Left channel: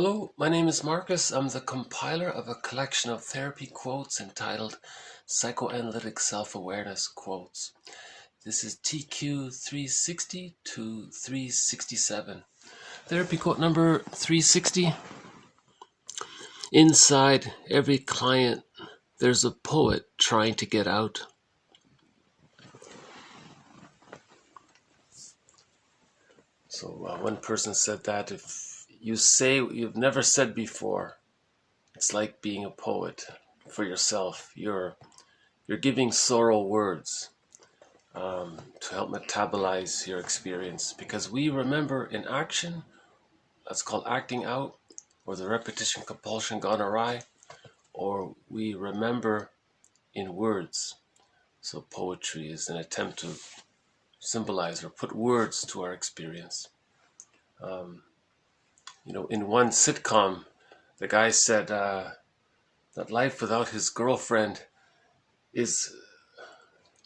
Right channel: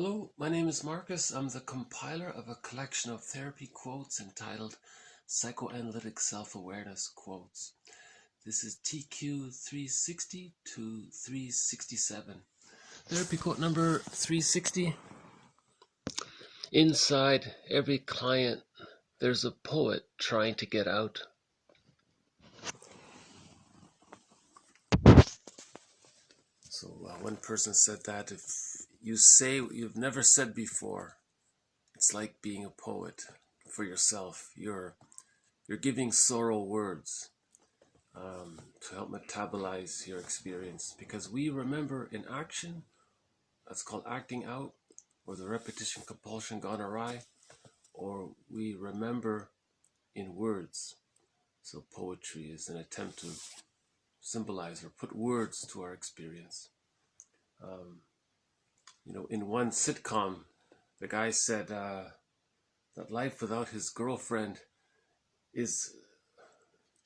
Hello, my name is Marcus. I'm the compiler of a collection of therapy quotes entitled Psychoanalytic Self-Awareness Quotes. This is TQ 360 to 367. Therapy quote number 360. Inside every client, there's a poet trying to get out. So one person said that if you say what you've never said before, it's like being a poet for yourself. You're giving sorrow words to help metabolize your experience, because we remember in action, that's called acting out, or the repetition compulsion gone awry, or we remember in words. So poetry is an attempt to symbolize or put words to our experience. In one sitcom, the guy said that life without his girlfriend is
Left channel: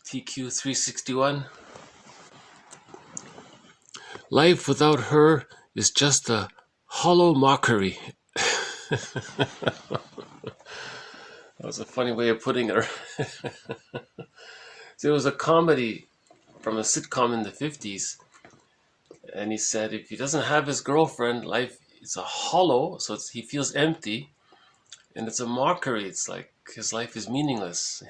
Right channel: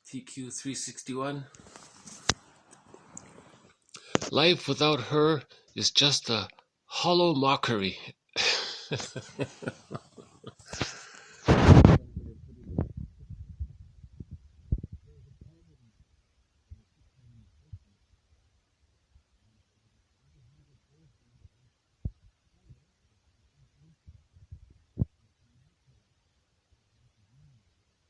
TQ 361. Life without her is just a hollow mockery. It's a funny way of putting it. So it was a comedy from a sitcom in the 50s. And he said if he doesn't have his girlfriend, life is a hollow, so he feels empty. And it's a mockery. It's like his life is meaningless.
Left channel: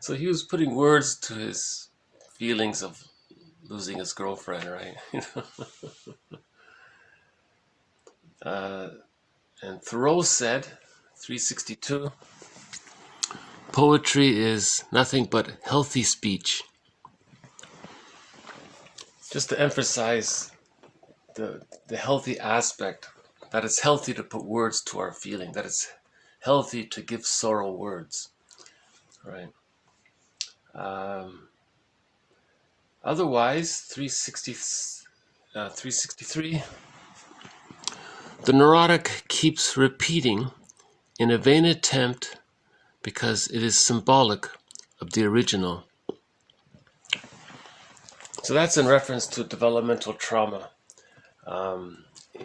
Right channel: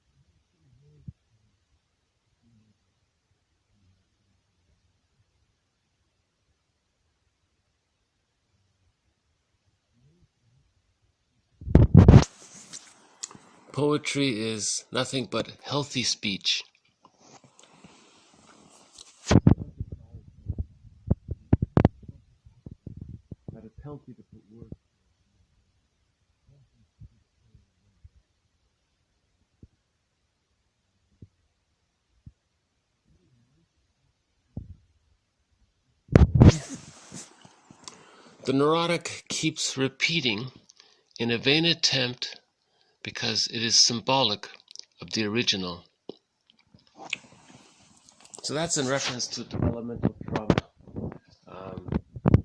So he was putting words to his feelings of losing his girlfriend, right? And Thoreau said, 362, poetry is nothing but healthy speech. Just to emphasize the healthy aspect, that it's healthy to put words to our feeling, that it's healthy to give sorrow words, right? Otherwise, 363, the neurotic keeps repeating in a vain attempt because it is symbolic of the original. So that's in reference to developmental trauma.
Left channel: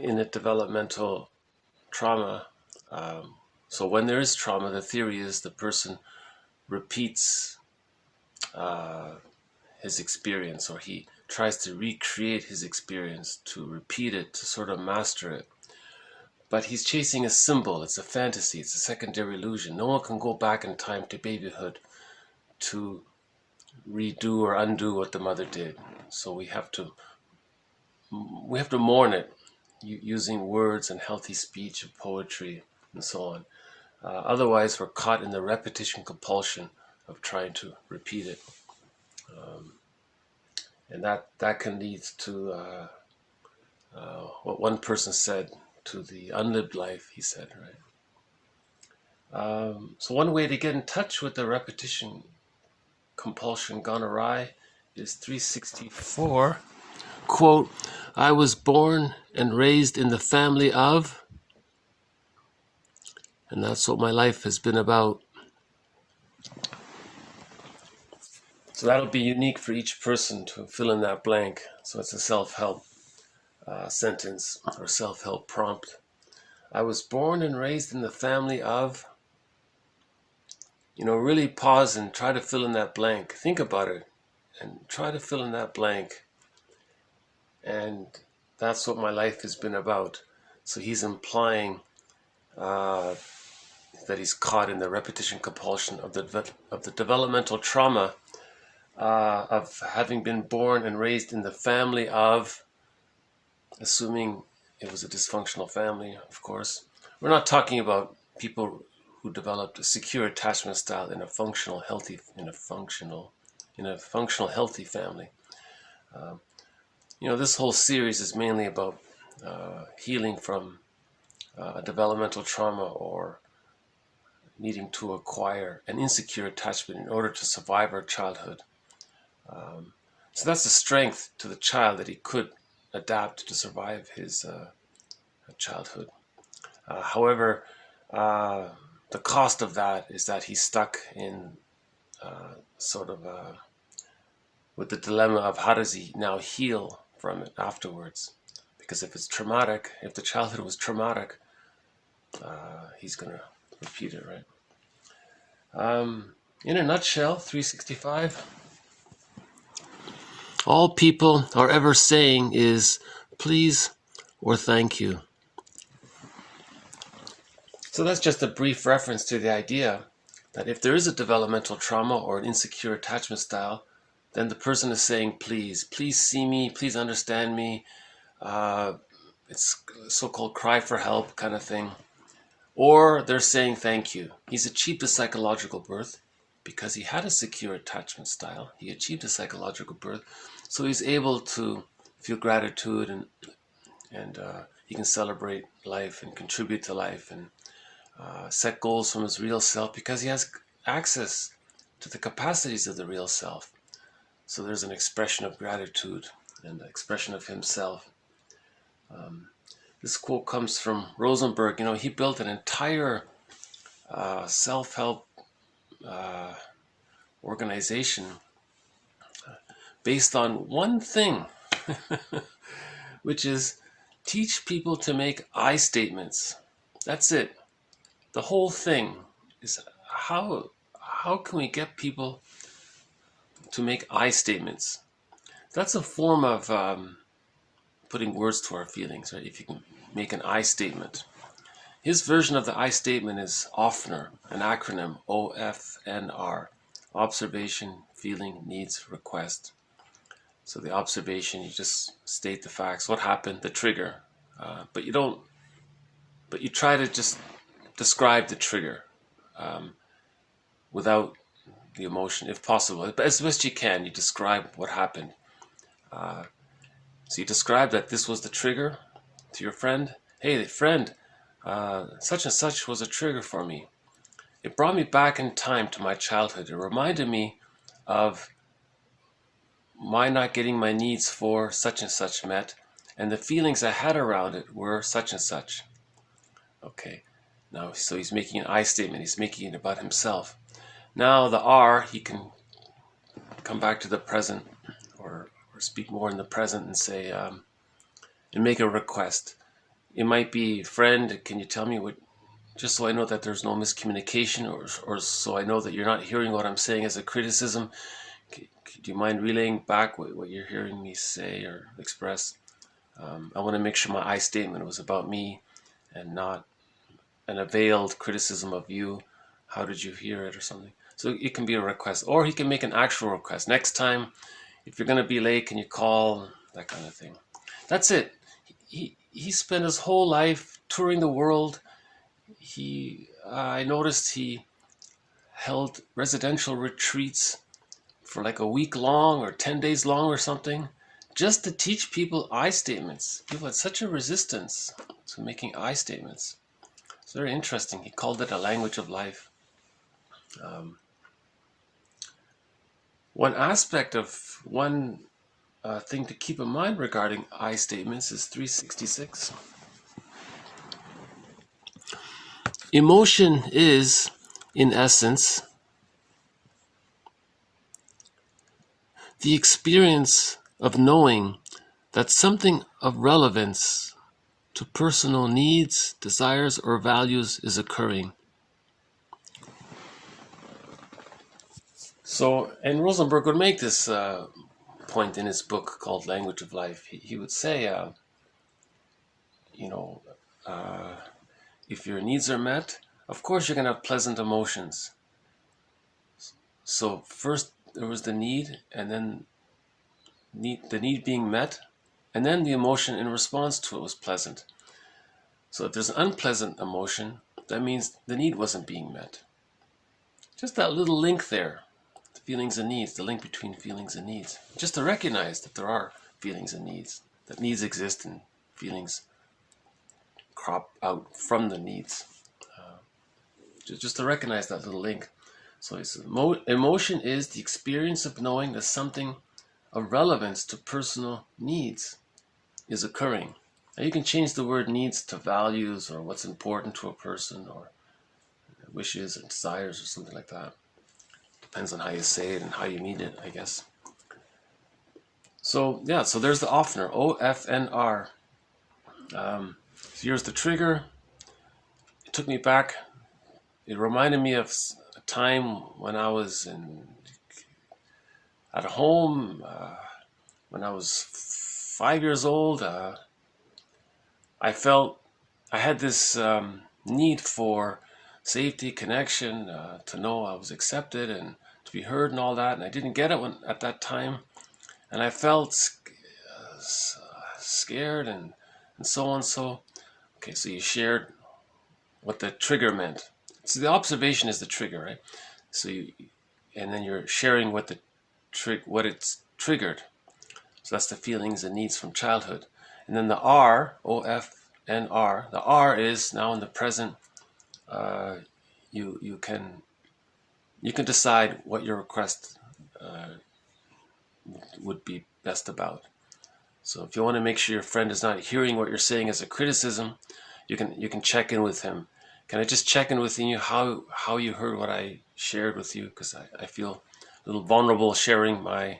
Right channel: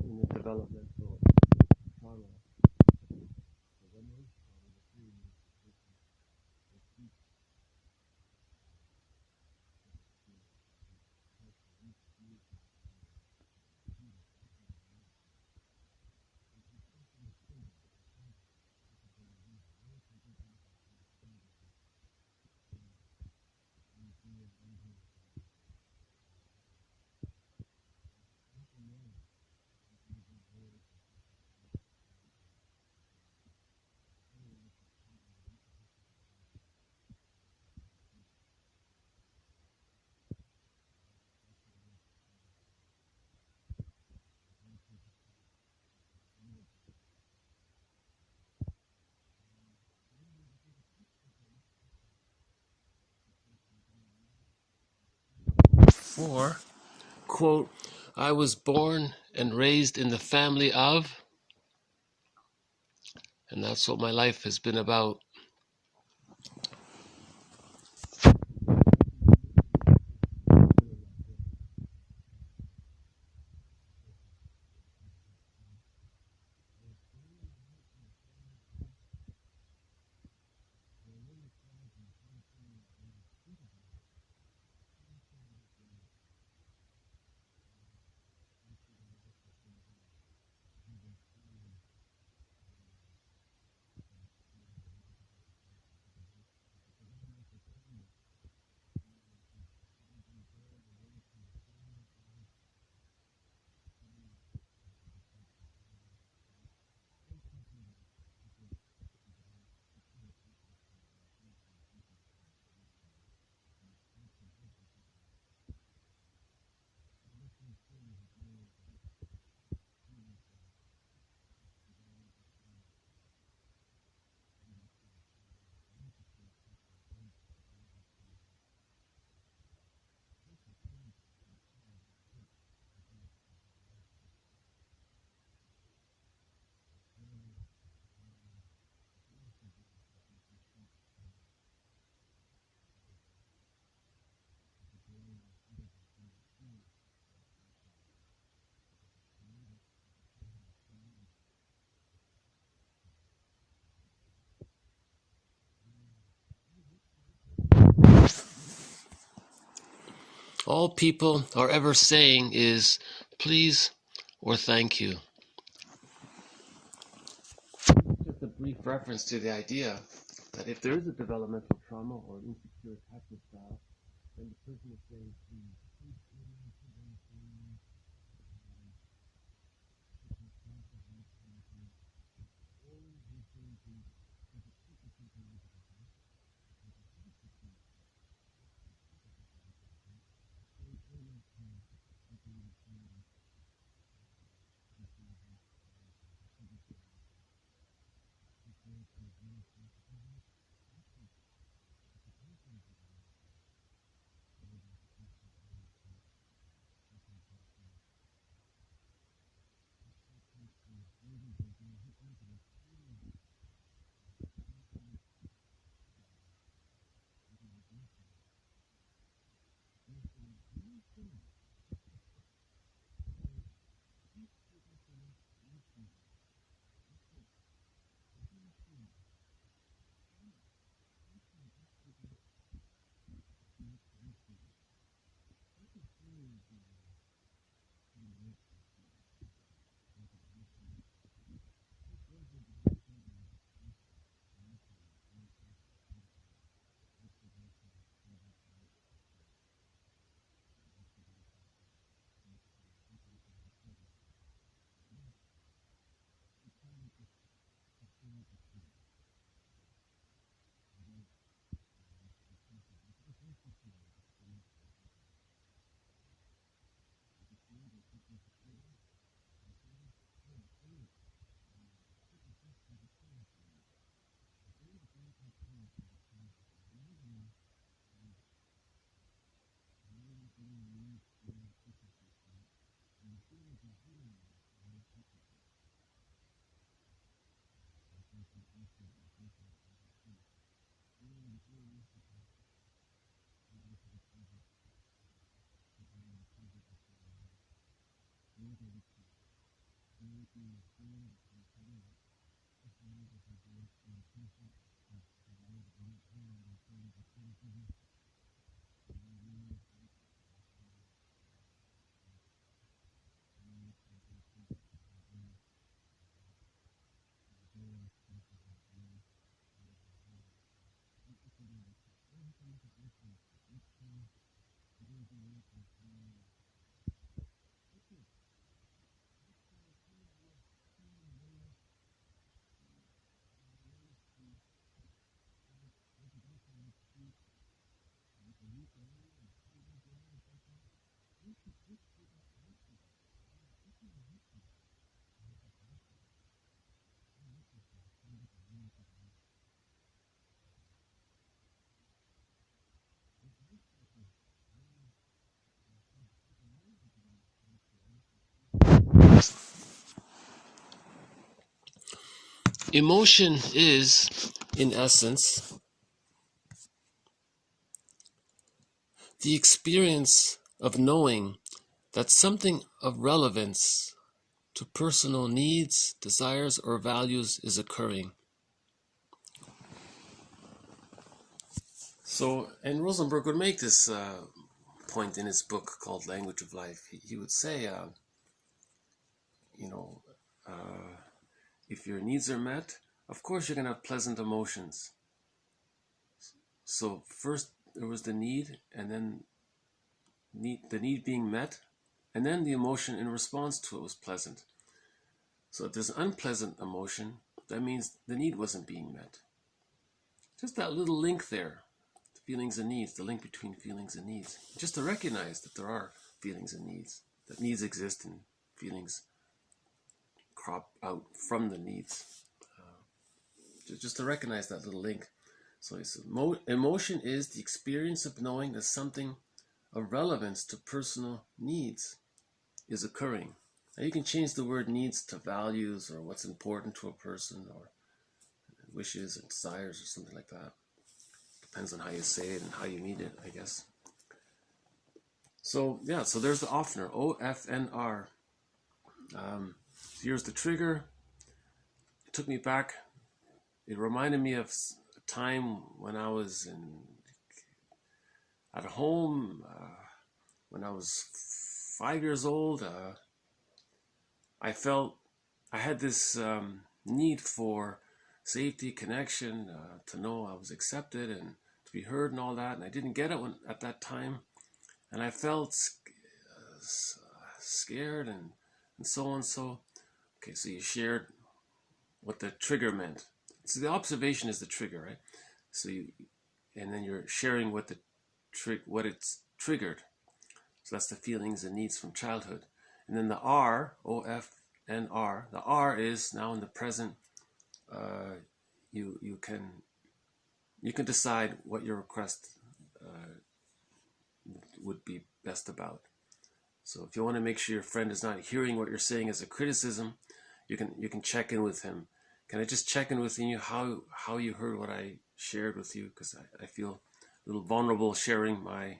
In a developmental trauma, so when there is trauma, the theory is the person repeats his experience, or he tries to recreate his experience, to repeat it, to sort of master it. But he's chasing a symbol. It's a fantasy. It's a secondary illusion. No one can go back in time to babyhood to redo or undo what the mother did. So we have to mourn it using words and healthy speech and poetry and so on. Otherwise, we're caught in the repetition compulsion of trying to repeat it. And that can lead to what one person said, to the unlived life, he said, right? So one way to get in touch with the repetition compulsion gone awry is 364. Quote, I was born and raised in the family of, and that's what my life has been about. So that'll be unique for each person to fill in that blank. So it's a self-help sentence or self-help prompt. I was born and raised in the family of, really pause and try to fill in that blank. Think about it and try to fill in that blank. And that's what my life has been about. So he's implying that he's caught in the repetition compulsion of the developmental trauma of having been born and raised in the family of, assuming it was a dysfunctional family, of course. We're not talking about people who developed a secure attachment style in a functional, healthy family. This whole series is mainly about healing from a developmental trauma or needing to acquire an insecure attachment in order to survive our childhood. So that's the strength to the child, that he could adapt to survive his childhood. However, the cost of that is that he's stuck in with the dilemma of how does he now heal from it afterwards, Because if it's traumatic, if the childhood was traumatic, he's going to repeat it, right? In a nutshell, 365. All people are ever saying is please or thank you. So that's just a brief reference to the idea that if there is a developmental trauma or an insecure attachment style, then the person is saying please see me, please understand me. It's so-called cry for help kind of thing. Or they're saying thank you. He's achieved a psychological birth because he had a secure attachment style. He achieved a psychological birth, so he's able to feel gratitude and he can celebrate life and contribute to life and set goals from his real self because he has access to the capacities of the real self. So there's an expression of gratitude and an expression of himself. This quote comes from Rosenberg. You know, he built an entire self-help organization based on one thing, which is teach people to make I statements. That's it. The whole thing is how can we get people to make I statements? That's a form of putting words to our feelings, right? If you can make an I statement. His version of the I statement is OFNR, an acronym, OFNR, observation, feeling, needs, request. So the observation, you just state the facts, what happened, the trigger, but you try to just describe the trigger without the emotion, if possible. But as best you can, you describe what happened. So you describe that this was the trigger to your friend. Hey, friend, such and such was a trigger for me. It brought me back in time to my childhood. It reminded me of my not getting my needs for such and such met, and the feelings I had around it were such and such. Okay, now, so he's making an I statement. He's making it about himself. Now the R, he can come back to the present or speak more in the present and say, and make a request. It might be, friend, can you tell me what, just so I know that there's no miscommunication, or so I know that you're not hearing what I'm saying as a criticism, do you mind relaying back what you're hearing me say or express? I want to make sure my I statement was about me and not an veiled criticism of you. How did you hear it or something? So it can be a request, or he can make an actual request. Next time, if you're going to be late, can you call? That kind of thing. That's it. He spent his whole life touring the world. I noticed he held residential retreats for like a week long or 10 days long or something, just to teach people I statements. People had such a resistance to making I statements. It's very interesting. He called it a language of life. One aspect of one thing to keep in mind regarding I statements is 366. Emotion is, in essence, the experience of knowing that something of relevance to personal needs, desires, or values is occurring. So, and Rosenberg would make this point in his book called Language of Life. He would say, if your needs are met, of course you're going to have pleasant emotions. So first there was the need, and then the need being met, and then the emotion in response to it was pleasant. So if there's an unpleasant emotion, that means the need wasn't being met. Just that little link there, the feelings and needs, the link between feelings and needs. Just to recognize that there are feelings and needs, that needs exist and feelings crop out from the needs. Just to recognize that little link. So he says, emotion is the experience of knowing that something of relevance to personal needs is occurring. Now you can change the word needs to values or what's important to a person or wishes and desires or something like that. Depends on how you say it and how you mean it, I guess. So yeah, so there's the OFNR, OFNR. Here's the trigger. It took me back. It reminded me of a time when I was at home, when I was 5 years old. I felt I had this need for safety, connection, to know I was accepted and to be heard and all that. And I didn't get it at that time. And I felt scared and so on. So, okay, so you shared what the trigger meant. So the observation is the trigger, right? So and then you're sharing what what it's triggered. So that's the feelings and needs from childhood. And then the R, OFNR, the R is now in the present. You can decide what your request would be best about. So if you want to make sure your friend is not hearing what you're saying as a criticism, you can check in with him. Can I just check in with you how you heard what I shared with you? Because I feel a little vulnerable sharing my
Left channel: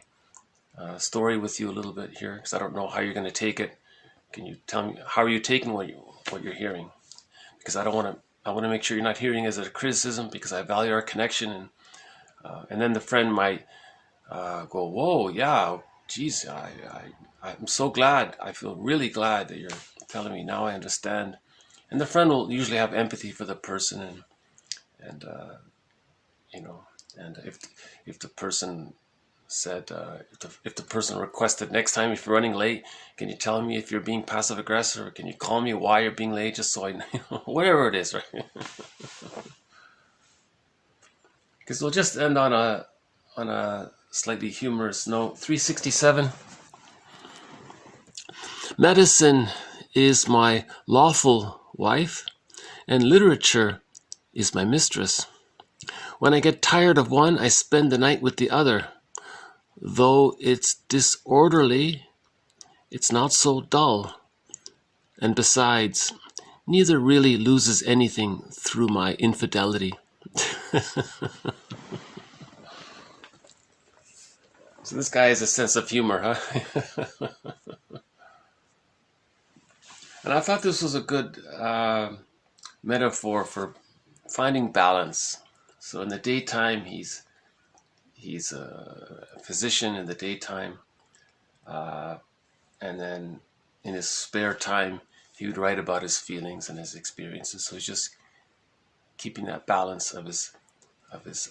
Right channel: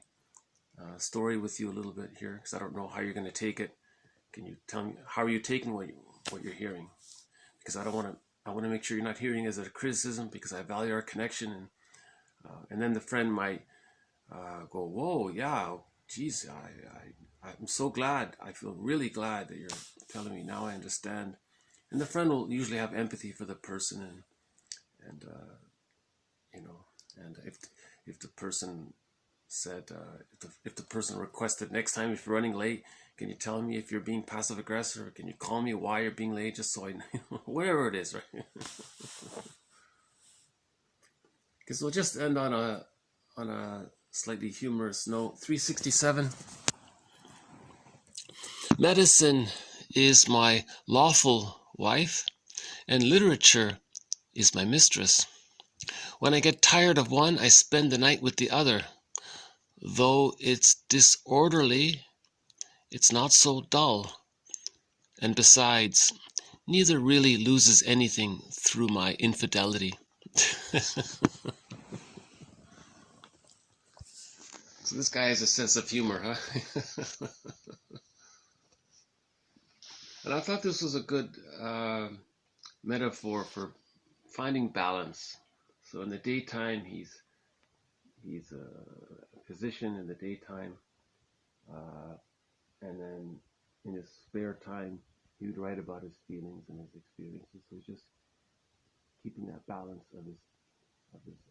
story with you a little bit here, because I don't know how you're going to take it. Can you tell me how are you taking what you're hearing? Because I want to make sure you're not hearing as a criticism, because I value our connection, and then the friend might go, whoa, yeah, geez, I'm so glad. I feel really glad that you're telling me. Now I understand. And the friend will usually have empathy for the person, and if the person said, if the person requested, next time if you're running late, can you tell me if you're being passive aggressive, or can you call me why you're being late, just so I know, whatever it is, right? Because we'll just end on a slightly humorous note. 367. Medicine is my lawful wife, and literature is my mistress. When I get tired of one, I spend the night with the other. Though it's disorderly, it's not so dull. And besides, neither really loses anything through my infidelity. So this guy has a sense of humor, huh? And I thought this was a good metaphor for finding balance. So in the daytime, he's a physician in the daytime, and then in his spare time, he would write about his feelings and his experiences. So he's just keeping that balance of his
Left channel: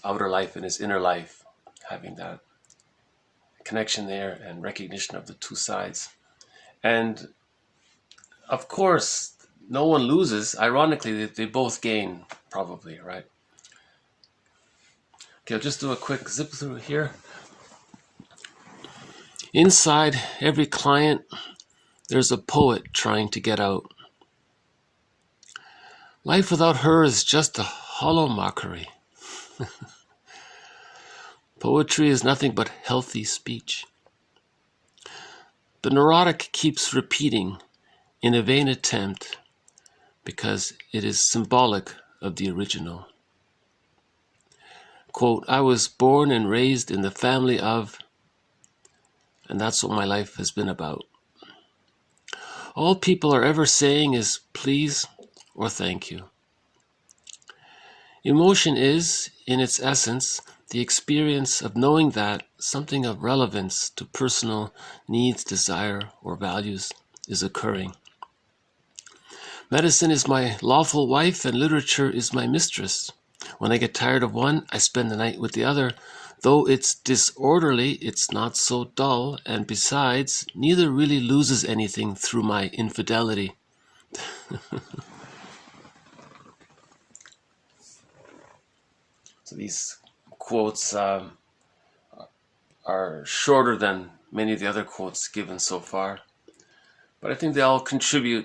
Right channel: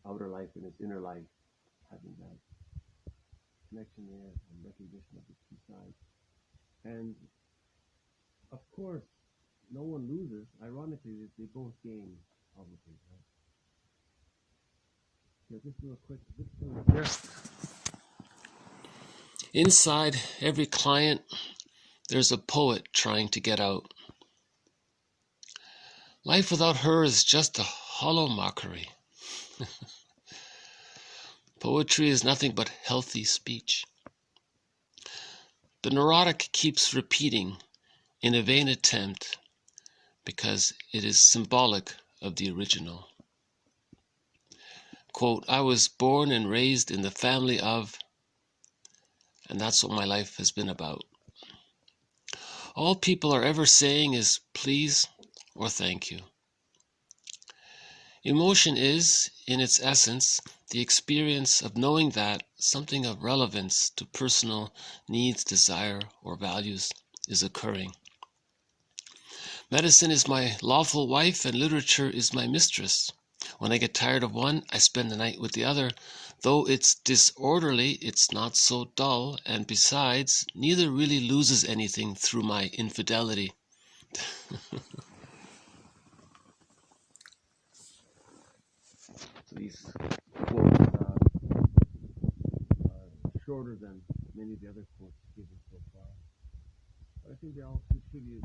outer life and his inner life, having that connection there and recognition of the two sides. And of course, no one loses. Ironically, they both gain, probably, right? Okay, I'll just do a quick zip through here. Inside every client, there's a poet trying to get out. Life without her is just a hollow mockery. Poetry is nothing but healthy speech. The neurotic keeps repeating in a vain attempt, because it is symbolic of the original. Quote, I was born and raised in the family of, and that's what my life has been about. All people are ever saying is please or thank you. Emotion is, in its essence, the experience of knowing that something of relevance to personal needs, desire, or values is occurring. Medicine is my lawful wife, and literature is my mistress. When I get tired of one, I spend the night with the other. Though it's disorderly, it's not so dull, and besides, neither really loses anything through my infidelity. So these quotes are shorter than many of the other quotes given so far, but I think they all contribute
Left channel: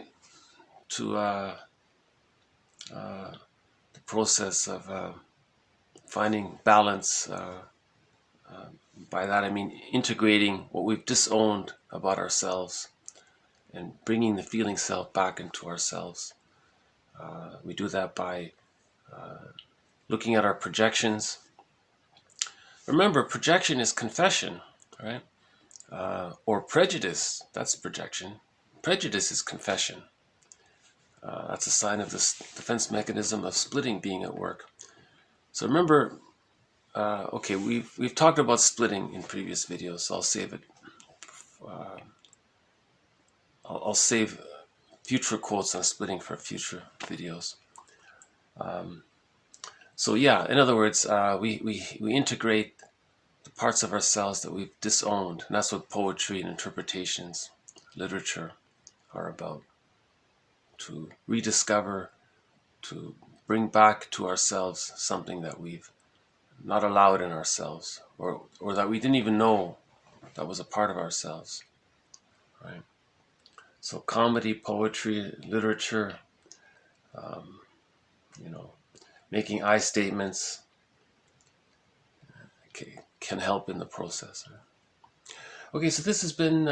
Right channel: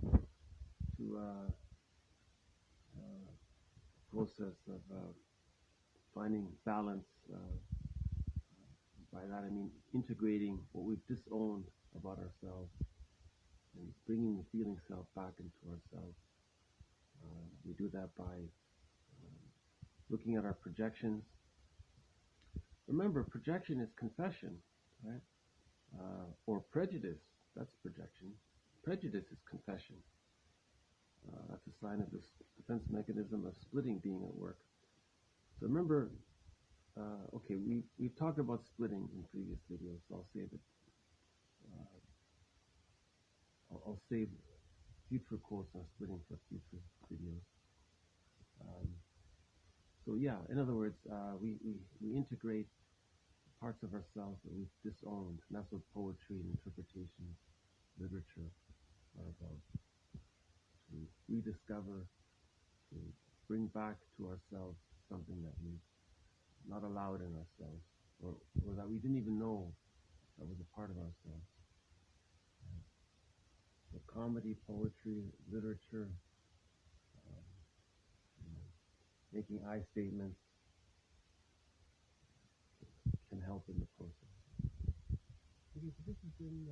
to the process of finding balance. By that I mean integrating what we've disowned about ourselves and bringing the feeling self back into ourselves. We do that by looking at our projections. Remember, projection is confession, right? Or prejudice, that's projection. Prejudice is confession. That's a sign of this defense mechanism of splitting being at work. So remember, okay, we've talked about splitting in previous videos, so I'll save it. I'll save future quotes on splitting for future videos. So yeah, in other words, we integrate the parts of ourselves that we've disowned, and that's what poetry and interpretations, literature are about. To rediscover, to bring back to ourselves something that we've not allowed in ourselves, or that we didn't even know that was a part of ourselves, right? So comedy, poetry, literature, you know, making I statements can help in the process. Okay, so this has been,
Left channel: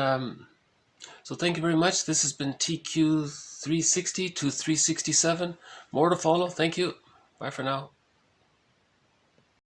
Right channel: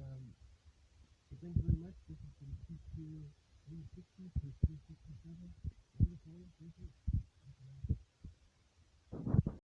so thank you very much. This has been TQ 360 to 367. More to follow. Thank you. Bye for now.